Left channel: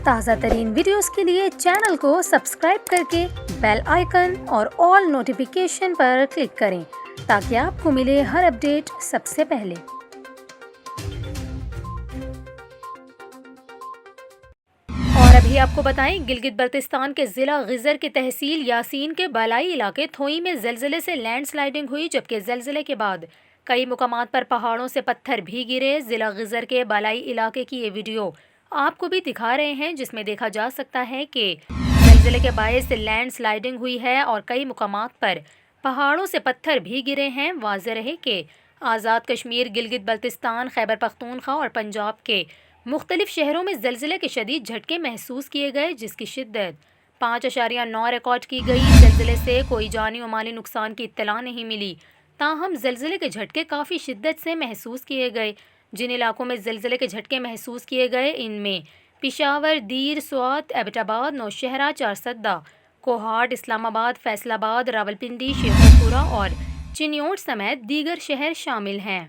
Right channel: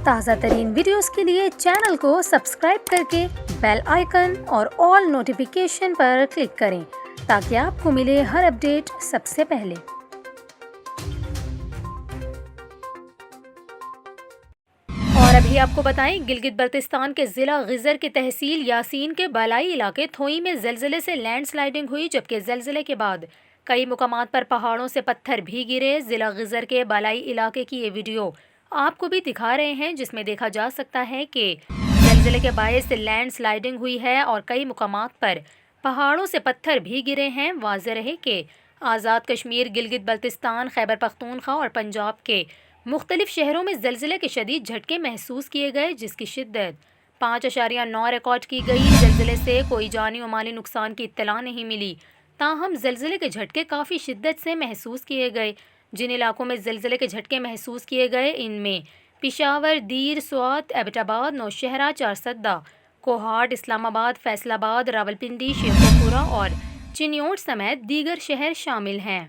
ताज़ा तरीन वीडियोस के लिए चैनल को सब्सक्राइब करके बेल आइकन और ऑल नोटिफिकेशन पर क्लिक करें ताकि आपको मिले हर अपडेट सबसे पहले। और अभी आपको बताएं, गिलगित बल्तिस्तान के ज़िला गिजर के तहसील यासीन के बालाई इलाके थोई में ज़लज़ले से लैंडस्लाइडिंग हुई, जबकि ज़लज़ले के बाद कई मुकामात पर पहाड़ों से पत्थर भी गिरे। ज़िला गिजर के बालाई इलाके की ये वीडियो आपको भी दिखा रहे हैं, जिसमें देखा जा सकता है कि ज़लज़ले के बायस लैंडस्लाइडिंग हुई है और कई मुकामात पर पहाड़ों से पत्थर भी गिरे हैं। वाज़ेह रहे कि आज़ाद कश्मीर, गिलगित बल्तिस्तान, खैबर पख्तूनख्वा और पंजाब के मुख्तलिफ शहरों में ज़लज़ले के शदीद झटके महसूस किए गए, जिसकी शिद्दत 5.9 रिकॉर्ड की गई। ज़लज़ले से कोई जानी व माली नुकसान की इत्तला नहीं मिली, ताहम ज़लज़ले के झटके काफ़ी शिद्दत से महसूस किए गए। जिन इलाकों में ज़लज़ले के झटके महसूस किए गए इनमें पिशावर, दीर, स्वात, एबटाबाद, नौशहरा, चारसद्दा, कोहाट, इस्लामाबाद, फैसलाबाद, रावलपिंडी, शेखोपुरा और चिन्योट समेत दीगर शहर शामिल हैं।